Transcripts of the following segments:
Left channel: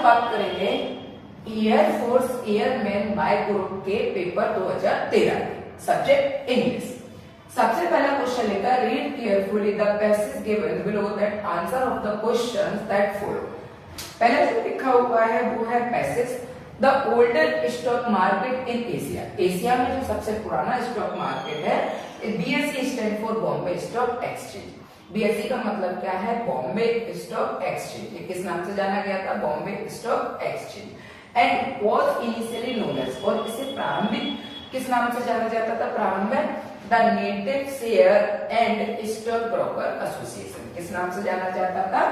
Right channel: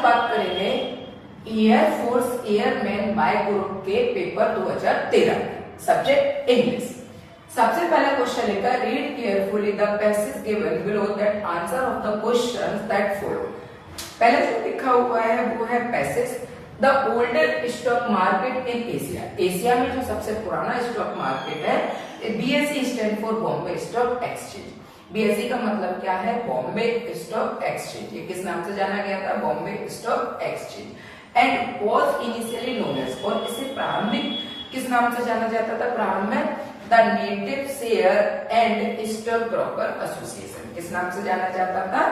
हम बात करेंगे एयरफोर्स एयरमैन बाय ग्रुप के पेपर 2013 सब्जेक्ट इंग्लिश। सबसे पहला क्वेश्चन लिखा read carefully the passage given below that answer of the questions that follow. पहले जो लिखा हुआ है वो है passage the oldest stock market in Asia. Asia में जो सबसे पुराना स्टॉक मार्केट है BSE stand for Bombay stock exchange. BSE का मतलब क्या है? Bombay stock exchange. ये किस नाम से जाना गया था? Bombay stock exchange. And was initially known as, और इसे प्रारंभिक किस नाम से जाना जाता था? प्रारंभ में the native share and stock broker association. किस नाम से जाना जाता था?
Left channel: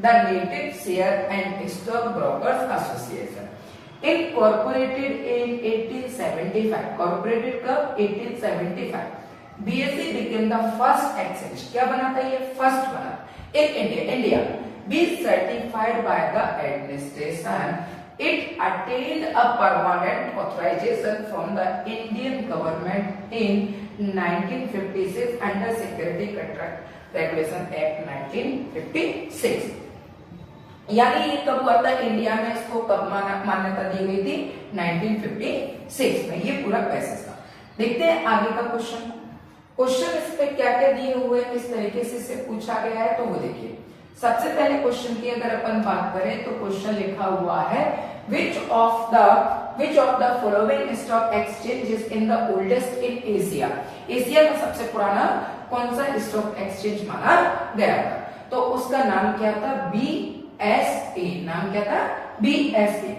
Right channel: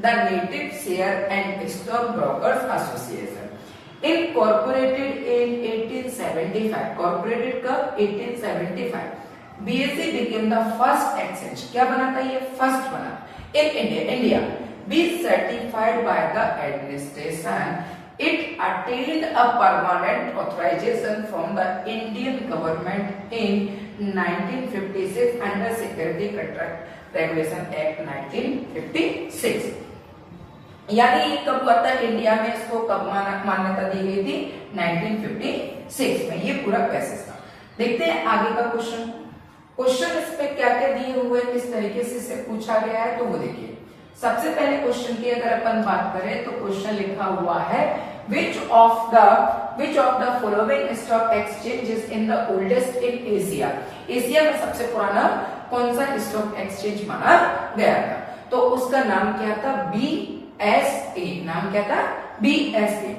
The native share and stock brokers association. Incorporated in 1875, कॉर्पोरेटेड कब? 1875। BSE became the first exchange, क्या बना था? ये फर्स्ट बना in India. Be certified by the administration. It attained a permanent authorization from the Indian government in 1956 under Security Contract Regulation Act 1956। यानी ये कब हुआ था? इंडिया में इसको कब मान्यता दी गई थी? 1956 में। ये पूरा पैसेज था। देखते हैं आगे का क्वेश्चन। क्वेश्चन इस पे क्या क्या दिए हुए हैं, किस तरीके से इसे पूछा गया है, तो वो देखिए। सबसे पहले क्वेश्चन की अगर अपन बात करें तो क्वेश्चन लिखा हुआ है which of the following stock exchanges in the oldest in Asia। Asia में सबसे पुराना कौन सा स्टॉक एक्सचेंज माना गया था? तो उसका नाम क्या था? BSE। नाम क्या था? BSE।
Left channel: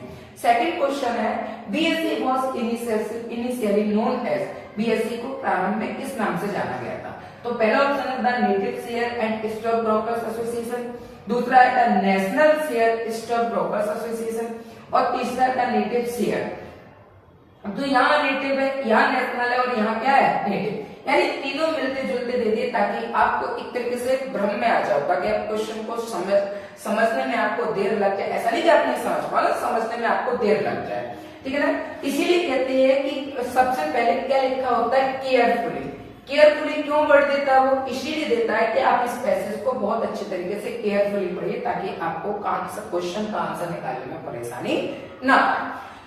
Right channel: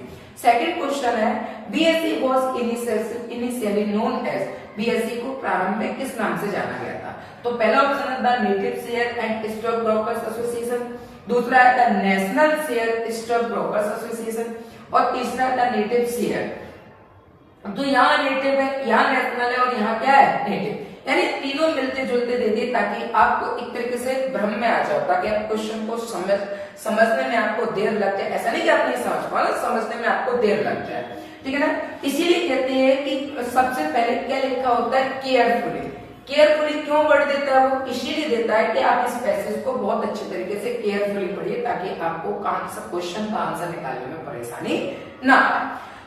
सेकंड क्वेश्चन है BSE was initially known as, BSE को प्रारंभ में किस नाम से जाना गया था? तो पहला ऑप्शन है the native share and stock brokers association, दूसरा है the national share stock brokers association, और तीसरा है द नेटिव शेयर। तो यहाँ नेटिव है, यहाँ नेशनल है, और यहाँ क्या है? नेटिव। यानी तीनों मिलते जुलते दे दिए ताकि आपको एक तरीके से भ्रम में आ जाओ, ताकि आप क्वेश्चन को समझने में आपको देर लग जाए। ऐसा नहीं कि आप नहीं समझ पाओ, समझने में आपको देर लग जाए, ठीक है ना। इसीलिए कहते हैं कि सबसे पहले क्या लिखा होता है? केयरफुली। केयरफुली क्यों वर्ड देता है? वो इसीलिए देता है कि आप इस पैसेज को बहुत अच्छे तरीके से केयरफुली पढ़िए ताकि आपको क्वेश्चन का आंसर निकालने में परेशानी ना आए।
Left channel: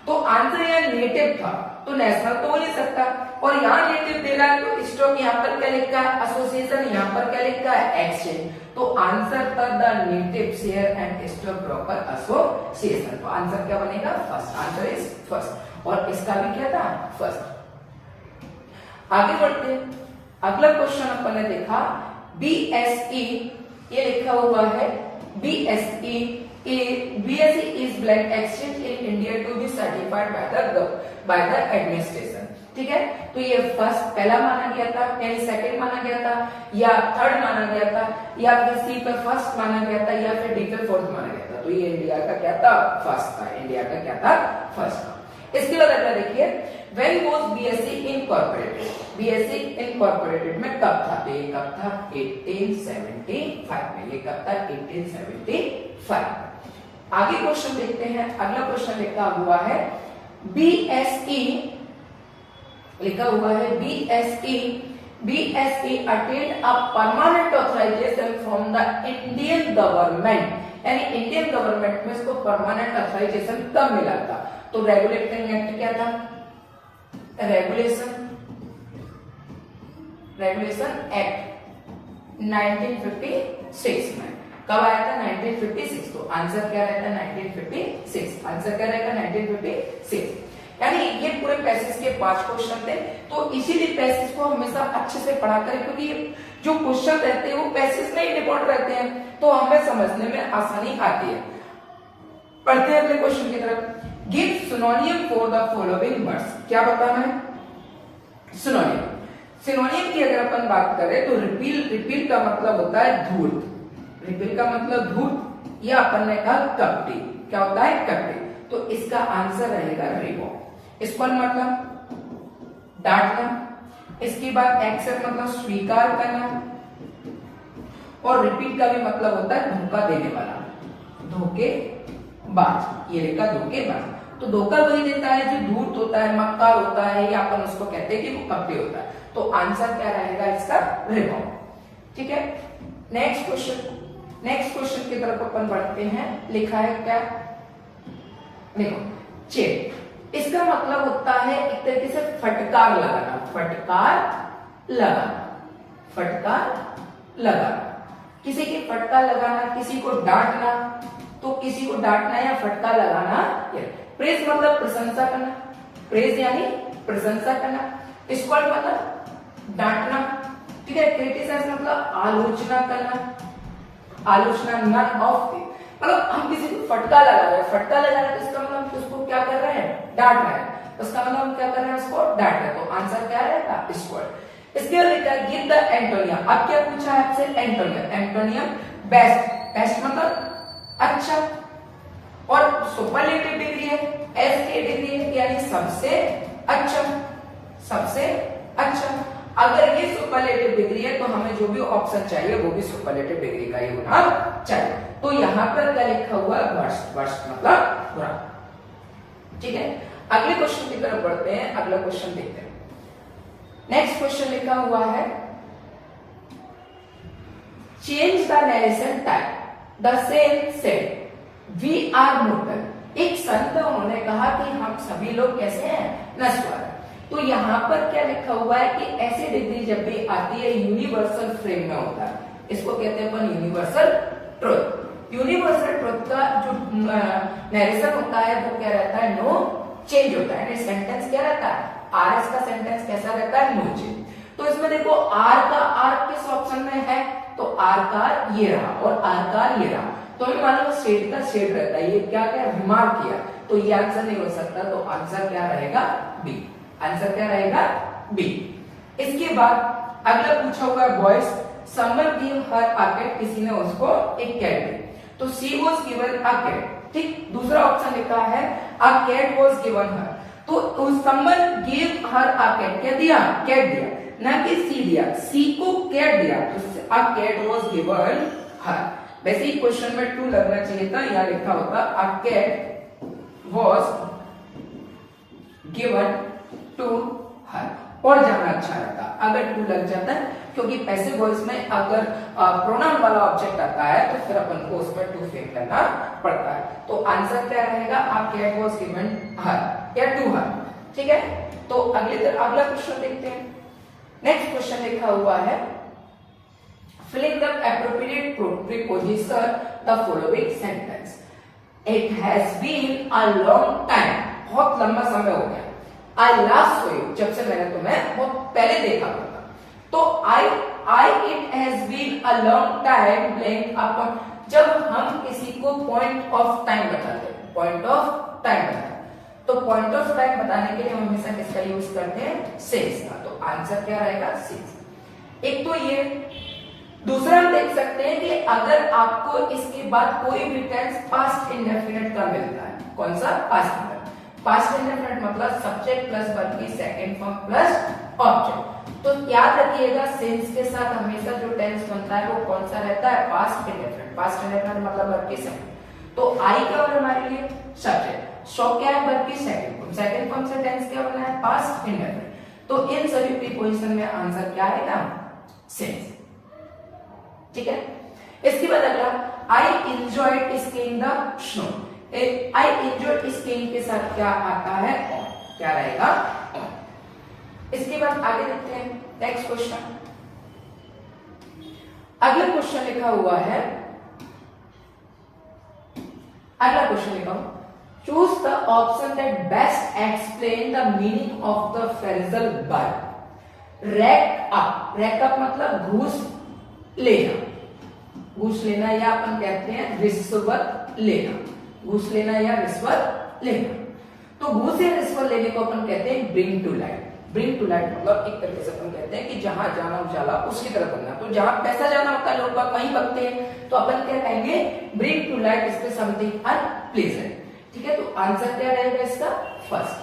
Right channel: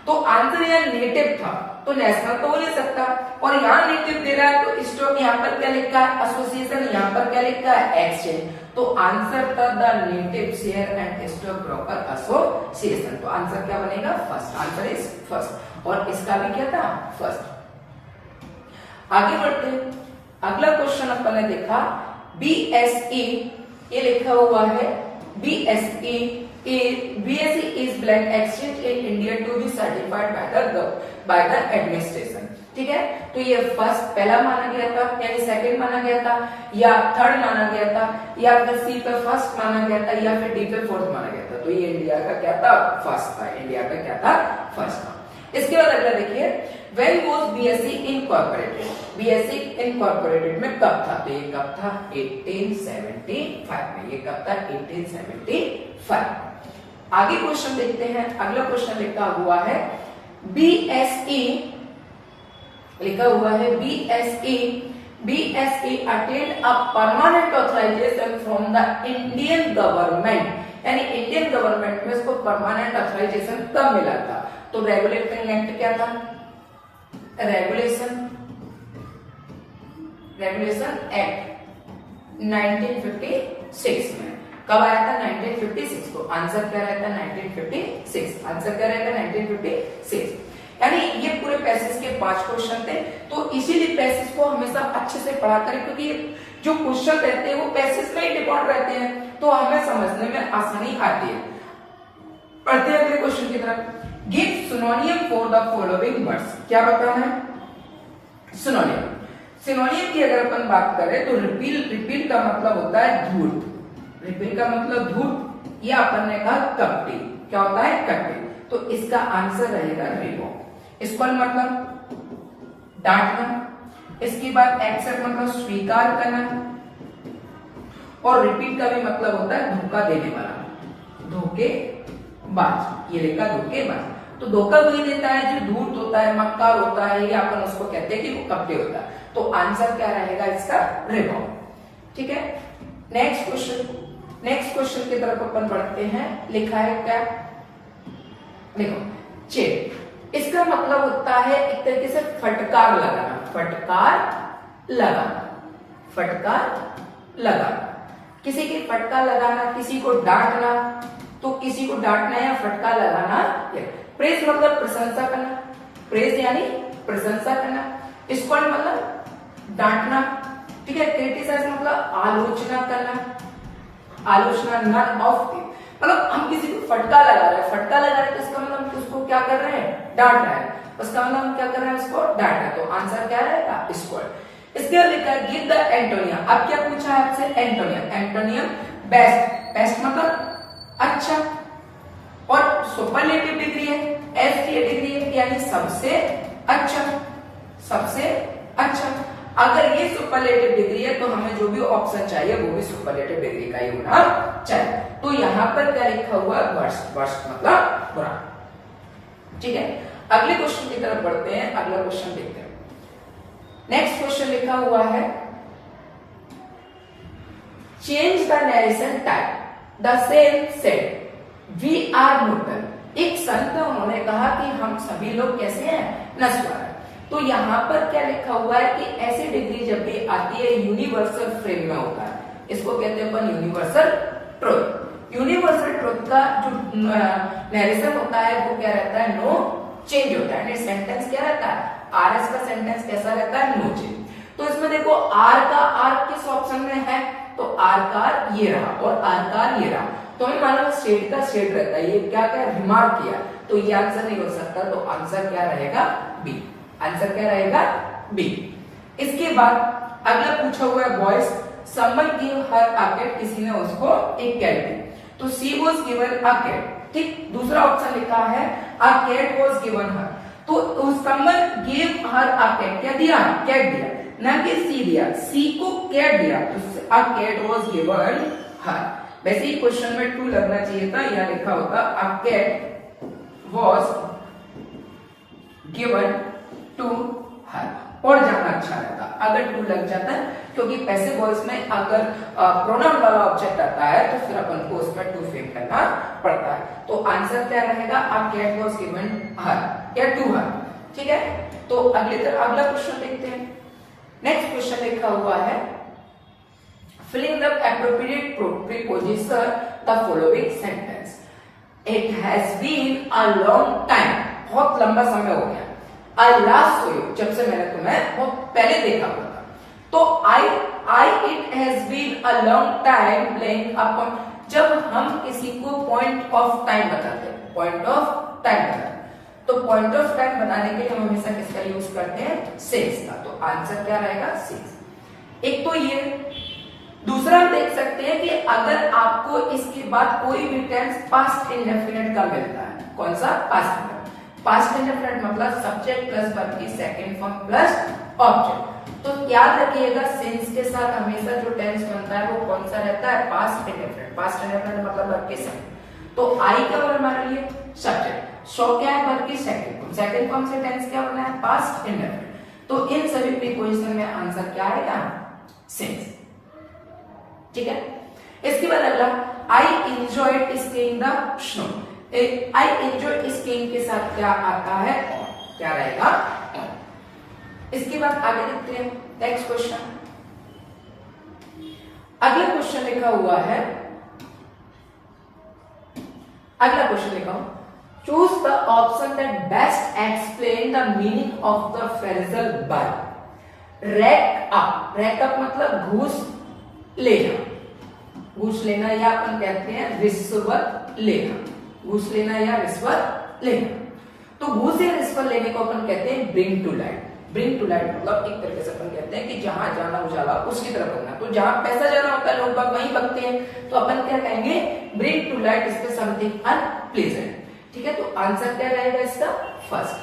तो आंसर यहाँ नेटिव था, तो नेशनल तो हो नहीं सकता, और यहाँ नेटिव दे रहा है तो स्टॉक यहाँ पर क्या लिखा है? एसोसिएशन। यहाँ पर क्या लिखा है? एक्सचेंज। तो आंसर था the native share and stock broker association. तो आंसर क्या बनेगा? फर्स्ट। आंसर इज फर्स्ट, और इसका भी क्या था? फर्स्ट। आगे बढ़ते हैं। अगला क्वेश्चन अपन ने देखा BSE, ये लिखा हुआ है BSE is blank exchange in India to be certified by the administration। ठीक है, तो ये फर्स्ट पहला माना गया था, यानी सेकंड माना गया था, या थर्ड माना गया था, या फिर सी पे फर्स्ट माना गया था, या फिर डी पे फोर्थ माना गया था। तो ये इंडिया का क्या था? फर्स्ट था। इंडिया का क्या था? फर्स्ट था। इसके बाद अगला देखिए when was BSE incorporated। BSE incorporated में कब था? तो ये कब था? 1875 में। ये कब था? 1875। आगे क्वेश्चन देखते हैं। अगला क्वेश्चन लिखा हुआ है BSE, लिखा हुआ है BSE attained a permanent authorization from the Indian government। यानी इंडियन गवर्नमेंट में इसको परमानेंट ऑथराइजेशन कब मिला था? तो रेगुलेटिंग एक्ट क्या था? रेगुलेशन एक्ट 1956 में। कब आया था? 1956 को। आंसर क्या रहता है? 1956। आंसर क्या रहता है? 1956। यानी ये पूरे पैसेज के 5 क्वेश्चन थे, तो इसीलिए पैसेज को हमेशा अच्छे से पढ़ा करें, क्योंकि ये जो क्वेश्चन रहते हैं वो पैसेज में ही डिपेंड रहते हैं, तो हमें समझने में आसानी आती है। पढ़ते हैं अगले क्वेश्चन की तरफ। Give सिनोनियम for the following words. क्या बताना है? सिनोनियम। सिनोनियम की अगर अपन बात करें तो रिपील का मतलब होता है धूर्त। रिपील का मतलब धूर्त, या अपन ने कहा कपटी। क्या होता है? कपटी। तो इसका आंसर रहेगा रिबो। स्पॉल मतलब डांटना, इसके बाद एक्सेप्ट मतलब स्वीकार करना, और रिपीट का भी मतलब होता है धोखा देने वाला, धोखेबाज। ये लिखा धोखेबाज। तो धोखा वही देता है जो धूर्त होता है, मक्कार होता है, या अपन उसको कहते हैं कि वो कपटी होता है। तो आंसर क्या रहेगा इसका? रिबो। ठीक है, नेक्स्ट क्वेश्चन की तरफ अपन बढ़ते हैं। लिखा है क्या? देखो चेट, इसका मतलब होता है एक तरीके से फटकार लगाना, फटकार लगाना, फटकार लगाना, किसी की फटकार लगाना, किसी को डांटना, तो किसी को डांटना या फटकार लगाना। प्रेज मतलब प्रशंसा करना, प्रेज यानी प्रशंसा करना, स्कॉल्ड मतलब डांटना, ठीक है। क्रिटिसाइज मतलब आलोचना करना, आलोचना, नन ऑफ मतलब हम किसी को फटका लगा रहे हैं, फटका लगा रहे हैं तो इसका मतलब उसको क्या कर रहे हैं, डांट रहे हैं, उसका मतलब हम क्या कर रहे हैं, उसको डांट रहे हैं। तो आंसर क्या रहेगा, स्क्वायर। इसके बाद लिखा है गिव द एंटोनियम। अब क्या पूछा है आपसे, एंटोनियम। एंटोनियम बेस्ट, बेस्ट मतलब अच्छा, और सुपरलेटिव डिग्री है, एस की डिग्री है यानी सबसे अच्छा, सबसे अच्छा। अगर ये सुपरलेटिव डिग्री है तो हमें जो भी ऑप्शन चाहिए वो भी सुपरलेटिव डिग्री का ही होना चाहिए। तो यहां पर क्या लिखा हुआ है, वर्स्ट, वर्स्ट मतलब बुरा, ठीक है। अगले क्वेश्चन की तरफ बढ़ते हैं, अगला क्वेश्चन देखते हैं। नेक्स्ट क्वेश्चन लिखा हुआ है change the narration type, the same said we are mortal. एक संत उन्होंने कहा कि हम सभी लोग कैसे हैं, नश्वर। तो यहाँ पर क्या लिखा हुआ है कि ऐसी डिग्री जब भी आती है यूनिवर्सल फ्रेम में होता है, इसको कहते हैं अपन यूनिवर्सल ट्रुथ। यूनिवर्सल ट्रुथ का जो नरेशन होता है वो क्या रहता है, नो चेंज होता है। सेंटेंस क्या रहता है, आरएस का सेंटेंस कैसा रहता है, नो चेंज। तो इसमें देखो आर का आर किस ऑप्शन में है, तो आर का ये रहा और आर का ये रहा, तो हमें मालूम शेड का शेड रहता है, ये क्या क्या रिमार्क किया, तो ये आंसर नहीं हो सकता। तो आंसर क्या रहेगा, बी। आंसर क्या रहेगा, बी। इसके बाद अगला पूछा हुआ है boys, someone give her a cat, किसी ने उसको एक कैट दी, तो she was given a cat, ठीक। दूसरा ऑप्शन लिखा है a cat was given her, तो someone give her a cat, क्या दिया, कैट दिया, ना कि सी दिया, सी को कैट दिया, तो a cat was given her. वैसे ही क्वेश्चन में 2 लगना चाहिए था, यहां लिखा होता a cat was given to her, और जाना अच्छा रहता अगर 2 लग जाता है, क्योंकि पैसिव वॉइस में अगर प्रोनाउन वाला ऑब्जेक्ट आता है तो फिर अपन को उसमें 2 फेक करना पड़ता है। तो आंसर क्या रहेगा, आप कैट वाज गिवन हर या टू हर, ठीक है। तो अगला क्वेश्चन देखते हैं। नेक्स्ट क्वेश्चन लिखा हुआ है filling the appropriate preposition the following sentence, it has been a long time, बहुत लंबा समय हो गया, आई लास्ट सो यू, जब से मैंने तुम्हें बहुत पहले देखा होगा, तो I it has been a long time playing upon, जब हम किसी को पॉइंट ऑफ टाइम बताते हैं, पॉइंट ऑफ टाइम बताते हैं, तो पॉइंट ऑफ टाइम बताने के लिए हम हमेशा किसका यूज करते हैं, सिंस का। तो आंसर क्या रहेगा, सिंस। एक तो ये, दूसरा हम देख सकते हैं कि अगर आपको इसके बाद कोई भी टेंस पास्ट इंडेफिनिट का मिलता है, कौन सा, पास्ट इंडेफिनिट। पास्ट इंडेफिनिट मतलब सब्जेक्ट प्लस वर्ब की सेकंड फॉर्म प्लस ऑब्जेक्ट। तो याद रखिएगा सिंस के साथ हमेशा जो टेंस बनता है वो कौन सा रहता है, पास्ट इंडेफिनिट। पास्ट इंडेफिनिट मतलब वर्ब की सेकंड, तो आई क्या होगा हमारे लिए, सब्जेक्ट, सो क्या है, वर्ब की सेकंड फॉर्म, सेकंड फॉर्म से टेंस क्या होना है, पास्ट इंडेफिनिट। तो इन सभी प्रीपोजिशन में आंसर क्या आएगा, सिंस, ठीक है। इसके बाद अगला, I enjoyed skiing the snow, I enjoy skiing के साथ क्या आता है, क्या रहेगा। इसके बाद आगे देखते हैं नेक्स्ट क्वेश्चन। अगला क्वेश्चन लिखा हुआ है, अगला क्वेश्चन लिखा choose the option that best explain the meaning of the phrasal by rake up. Rake up मतलब घूस लेना, घूस लेना या अपन कहते हैं रिश्वत लेना, घूस लेना या रिश्वत लेना। तो घूस या रिश्वत लेने को अपन कहते हैं bring to light. Bring to light मतलब एक तरीके से अपन कहते हैं कि जहां जाना उजाला उसकी तरफ करना, तो जहां पैसा जाना होता है लोग बाग वहीं भगते हैं, तो अपन क्या कहेंगे, bring to light is the something unpleasant, ठीक है। तो आंसर क्या रहेगा इसका, फर्स्ट।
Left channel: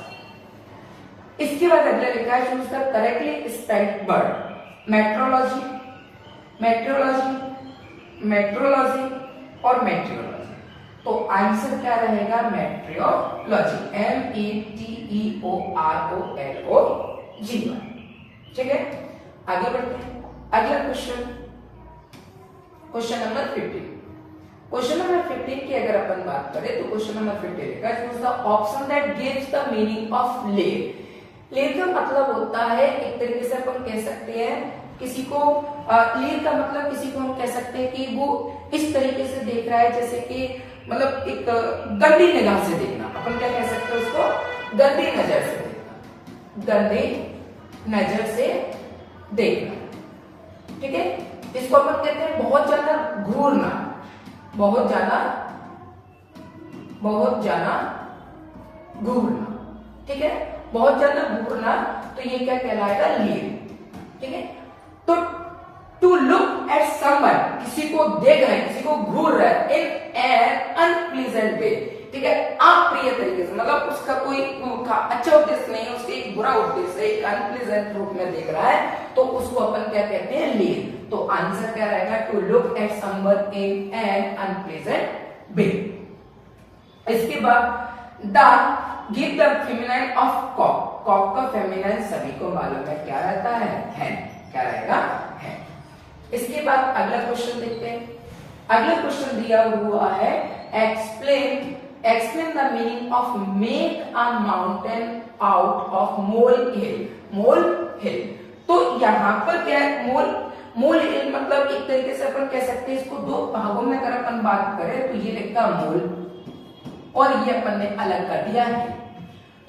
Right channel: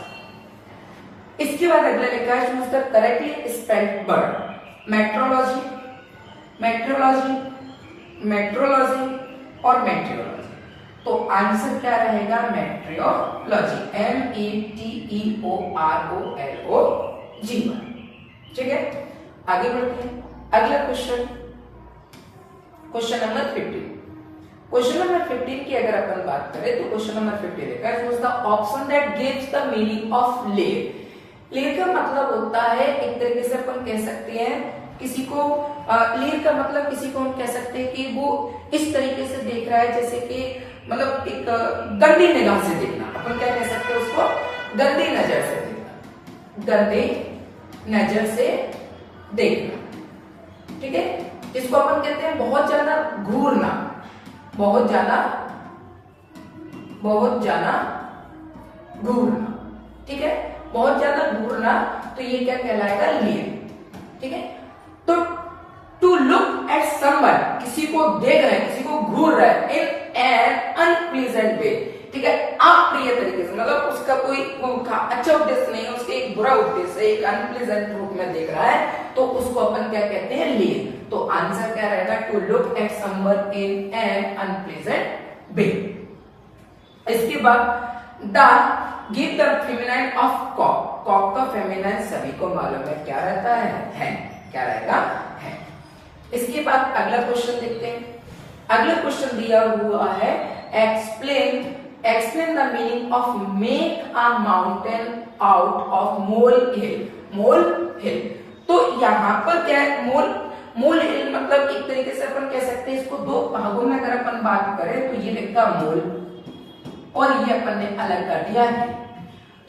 इसके बाद अगला लिखा है choose the correctly spelled word, metrology, metrology, metrology और मेट्रियोलॉजी। तो आंसर क्या रहेगा, मेट्रियोलॉजी, METEOROLOG, ठीक है। आगे बढ़ते हैं, अगला question, question number 50। Question number 15 की अगर अपन बात करें तो क्वेश्चन नंबर 15 लिखा है, choose the option that gives the meaning of layer. Layer का मतलब होता है, एक तरीके से अपन कह सकते हैं किसी को, लेयर का मतलब किसी को हम कह सकते हैं कि वो इस तरीके से देख रहा है जैसे कि मतलब एक गंदी निगाह से देखना, अपन क्या कह सकते हैं उसको, गंदी नजर से देखना, गंदी नजर से देखना, ठीक है। इसको अपन कहते हैं बहुत ज्यादा घूरना, बहुत ज्यादा घूरना, ठीक है, बहुत ज्यादा घूरना, तो ये क्या कहलाएगा, लेयर, ठीक है। तो टू लुक एट समवन, किसी को देख रहे हैं, किसी को घूर रहा है, इन एन अनप्लीजेंट वे, ठीक है, अप्रिय तरीके से, मतलब उसका कोई अच्छा उद्देश्य नहीं है, उसके एक बुरा उद्देश्य है, एक अनप्लीजेंट रूप में देख रहा है, तो उसको अपन क्या कहते हैं, लेयर। तो आंसर क्या रहेगा, to look at someone in an unpleasant way. इसके बाद the give the feminine of cock, cock का फेमिनाइन सभी को मालूम है, क्या रहता है, क्या रहेगा, है। इसके बाद अगला क्वेश्चन देखते हैं। अगला क्वेश्चन दिया हुआ है, explain the meaning of make a mountain out of molehill, molehill. तो यहाँ पर क्या है, मोल हिल मतलब एक तरीके से अपन कह सकते हैं इसको दो भागों में अगर अपन बात करें तो ये लिखा मोल और ये अपन ने अलग कर दिया है।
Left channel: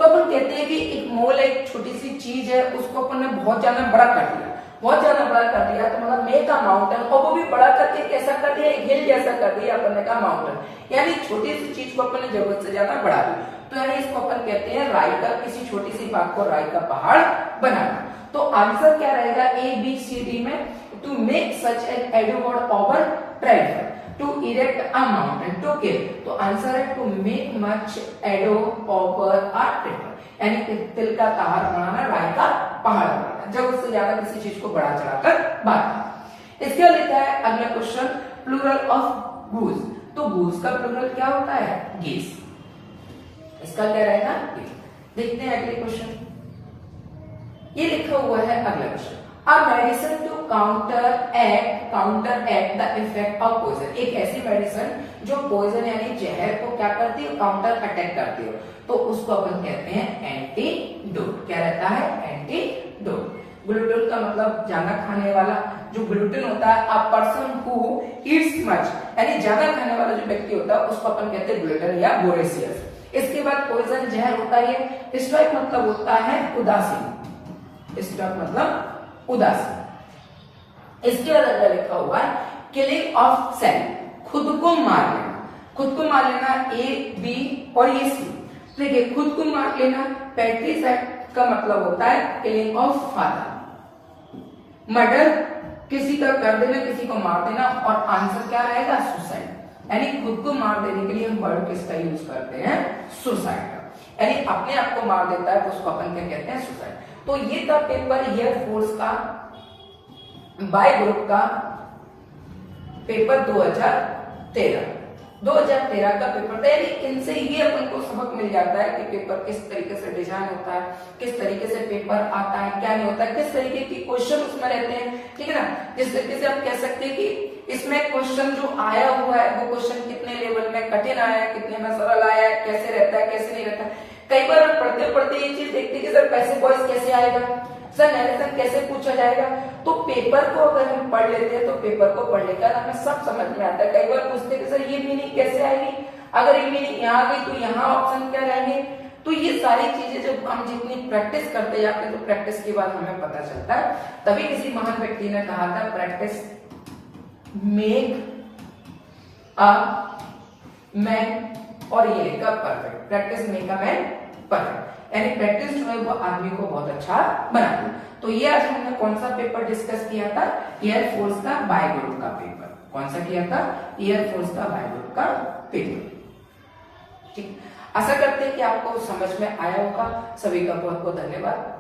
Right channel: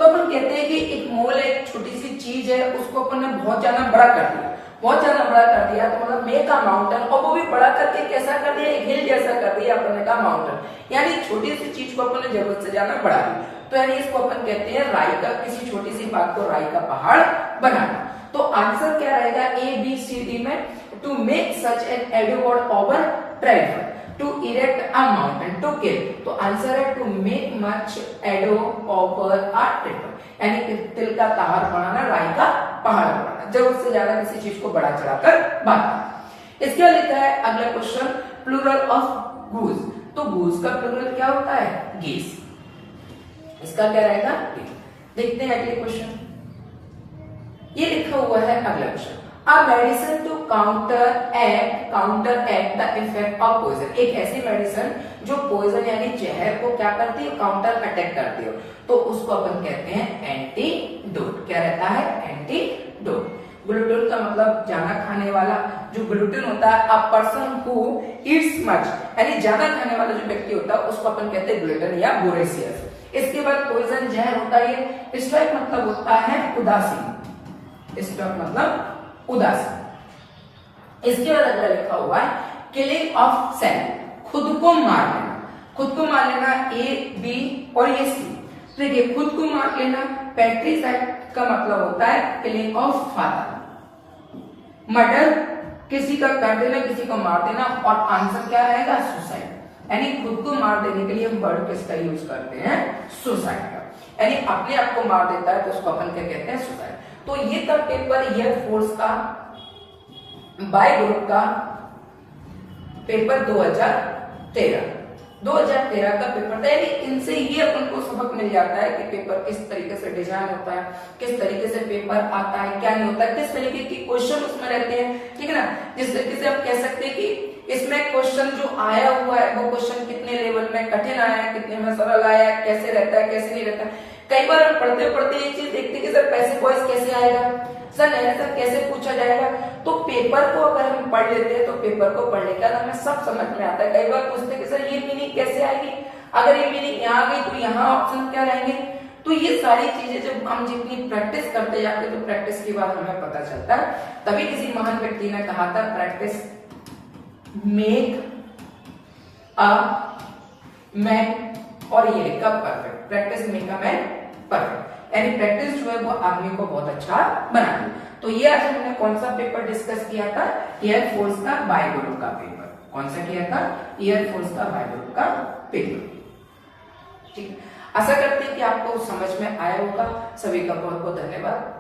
तो अपन कहते हैं कि एक मोल एक छोटी सी चीज है, उसको अपन ने बहुत ज्यादा बड़ा कर दिया, बहुत ज्यादा बड़ा कर दिया, तो मतलब मेक अ माउंटेन, और वो भी बड़ा करके कैसा कर दिया, एक हिल जैसा कर दिया अपन ने कहा माउंटेन, यानी छोटी सी चीज को अपन ने जरूरत से ज्यादा बढ़ा दी, तो यानी इसको अपन कहते हैं राई का, किसी छोटी सी बात को राई का पहाड़ बनाना। तो आंसर क्या रहेगा, ए बी सी डी में, to make such an Edward over prefer, to erect a mountain, to kill, तो आंसर है to make much ado over a triple, यानी तिल का पहाड़ बनाना, राई का पहाड़ बनाना, जब उससे ज्यादा किसी चीज को बड़ा चढ़ाकर बांटना। इसके बाद लिखा है अगला क्वेश्चन, प्लूरल ऑफ गूज, तो गूज का प्लूरल क्या होता है, गेस, इसका क्या रहेगा, देखते हैं अगले क्वेश्चन। ये लिखा हुआ है अगला question, A medicine to counteract the effect of poison, एक ऐसी मेडिसिन जो पॉइजन यानी जहर को क्या करती है, काउंटर अटैक करती है, तो उसको अपन कहते हैं एंटीडोट। क्या रहता है, एंटीडोट। ग्लूटन का मतलब ज्यादा खाने वाला, जो ग्लूटेन होता है, a person who Yeats much, यानी ज्यादा खाने वाला जो व्यक्ति होता है उसको अपन कहते हैं ग्लूटेन या वोरेसियस। इसके बाद पॉइजन जहर होता है, स्टॉइक मतलब होता है उदासीन, स्टॉइक मतलब उदासीन। इसके बाद अगर लिखा हुआ है किलिंग ऑफ सेल्फ, खुद को मार लेना, खुद को मार लेना, ए बी और ये सी। देखिए खुद को मार लेना, पैट्रिसाइड का मतलब होता है किलिंग ऑफ फादर, मर्डर किसी का कर देना, किसी को मार देना, और आंसर क्या रहेगा, सुसाइड, यानी खुद को मार देने के लिए हम वर्ड किसका यूज करते हैं, सुसाइड का, यानी अपने आप को मार देता है तो उसको अपन क्या कहते हैं, सुसाइड। तो ये था पेपर एयरफोर्स का बाय ग्रुप का पेपर 2013 का पेपर था, यानी इनसे ये अपन को सबक मिल जाता है कि पेपर किस तरीके से डिजाइन होता है, किस तरीके से पेपर आता है, क्या नहीं होता है, किस तरीके के क्वेश्चन उसमें रहते हैं, ठीक है ना। जिस तरीके से आप कह सकते हैं कि इसमें क्वेश्चन जो आया हुआ है वो क्वेश्चन कितने लेवल में कठिन आया है, कितने में सरल आया है, कैसे रहता है, कैसे नहीं रहता है। कई बार हम पढ़ते पढ़ते ये चीज देखते कि सर पैसिव वॉइस कैसे आएगा, सर नरेशन कैसे पूछा जाएगा, तो पेपर को अगर हम पढ़ लेते हैं तो पेपर को पढ़ने का हमें सब समझ में आता है। कई बार पूछते कि सर ये मीनिंग कैसे आएगी, अगर ये मीनिंग यहाँ आ गई तो यहाँ ऑप्शन क्या रहेंगे। तो ये सारी चीजें जब हम जितनी प्रैक्टिस करते जाते हैं तो प्रैक्टिस के बाद हमें पता चलता है। तभी किसी महान व्यक्ति ने कहा था प्रैक्टिस मेक अ मैन, और ये लिखा perfect, practice make a man perfect, यानी प्रैक्टिस जो है वो आदमी को बहुत अच्छा बनाती है। तो ये आज हमने कौन सा पेपर डिस्कस किया था, एयरफोर्स का बाय ग्रुप का पेपर। कौन सा किया था, एयरफोर्स का बाय ग्रुप का पेपर। ठीक, आशा करते हैं कि आपको समझ में आया होगा। सभी का बहुत बहुत धन्यवाद।